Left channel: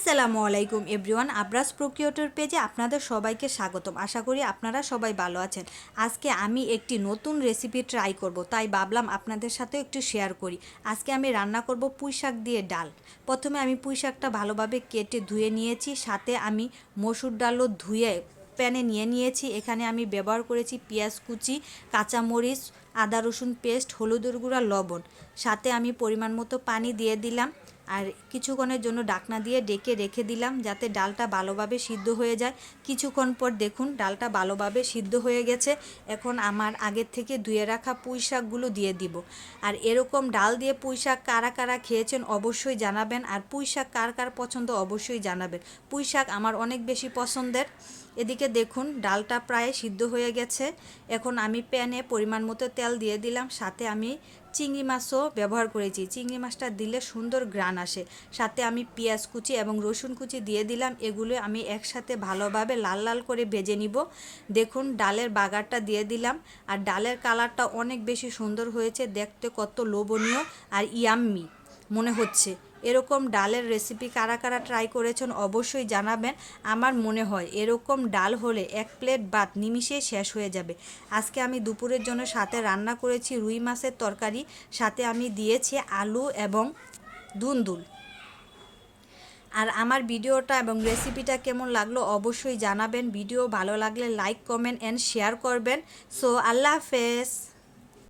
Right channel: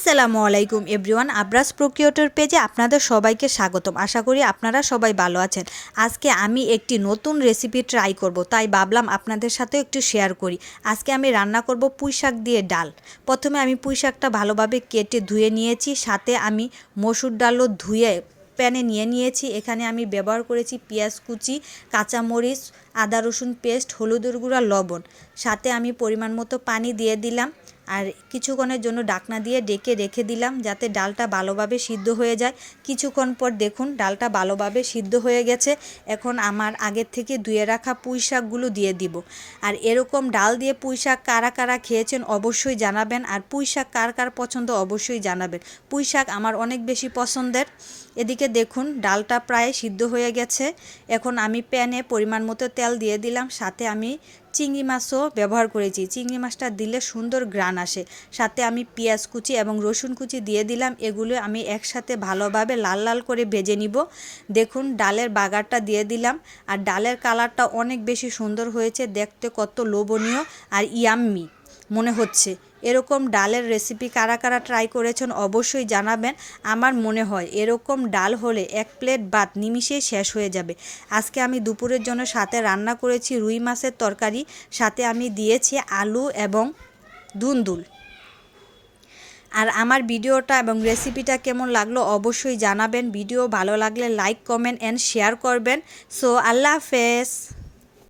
আসসালামু আলাইকুম এভরিওয়ান আব্রাস প্রোকিওটর পেজে আপনাদের সবাইকে স্বাগতম। আশা করি আপনারা সবাই ভালো আছেন। আজকে আমি একটি নতুন রেসিপি ট্রাই করব, তাই ভাবলাম আপনাদের সাথে একটু শেয়ার করি। আজকে আমি রান্না করব পুঁই শাক দিয়ে ডাল। প্রথমে আমি পুঁই শাকটা ভালোভাবে কেটে ধুয়ে নিয়েছি, সাথে আমি মসুর ডালও ধুয়ে প্যানে নিয়ে নিয়েছি। এখানে আমি ব্যবহার করেছি পেঁয়াজ কুচি, কাঁচামরিচ, আদা রসুন পেস্ট, হলুদের গুঁড়া, লবণ। সাথে আমি পরিমাণ মতো পানি দিয়ে দিলাম। আর কিছুক্ষণের জন্য ডাকনা দিয়ে ডেকে রেখে দিলাম যাতে ডালটা ভালোভাবে সিদ্ধ হয়ে যায়। কিছুক্ষণ পর দেখুন, ডালটা ভালোভাবে সিদ্ধ হয়ে গেছে। এখন আমার আগের থেকে ধুয়ে রাখা পুঁই শাকগুলো দিয়ে দিব। আর এরকম ডাল দিয়ে পুঁই শাক কারা কারা খেয়েছেন অবশ্যই জানাবেন। আর পুঁই শাক কার কার পছন্দ অবশ্যই জানাবেন। পুঁই শাক আমার অনেক বেশি পছন্দের। এদিকে দেখুন, ডালটা প্রায় সিদ্ধ হয়ে গেছে। এখন আমি প্যানে পরিমাণ মতো তেল দিয়ে দিলাম। সাথে আমি চিংড়ি মাছও ব্যবহার করেছি। চিংড়ি মাছটা দিলে সুন্দর গ্রান আসে। সাথে আমি পেঁয়াজ কুচি এবং রসুন কুচি দিয়ে দিলাম। এগুলো আমি একসাথে ভালোভাবে লাল লাল করে ভেজে নিব। দেখুন, ডালের বাগারটা দিয়ে দিলাম। আর ডালের কালারটা অনেক বেশি সুন্দর হয়েছে। দেখতে কত লোভনীয় আর ইয়াম্মি মনে হচ্ছে। এরকম ডালের রেসিপি কারা কারা ট্রাই করেছেন অবশ্যই জানাবেন। আমার মনে হয় এরকম ডাল হলে এক প্লেট ভাত নিমিশেই শেষ হয়ে যাবে। আজকে আমি দুপুরের জন্য সাথে রান্না করেছি রুই মাছের তরকারি, সাথে আমি দিয়েছি আলু এবং দুন্দুল আর আমার ভিডিওটা এবং রেসিপিটা কেমন লাগল অবশ্যই জানাবেন। ভিডিও ভালো লাগলে লাইক কমেন্ট অ্যান্ড শেয়ার করবেন। সো আল্লাহ হাফেজ।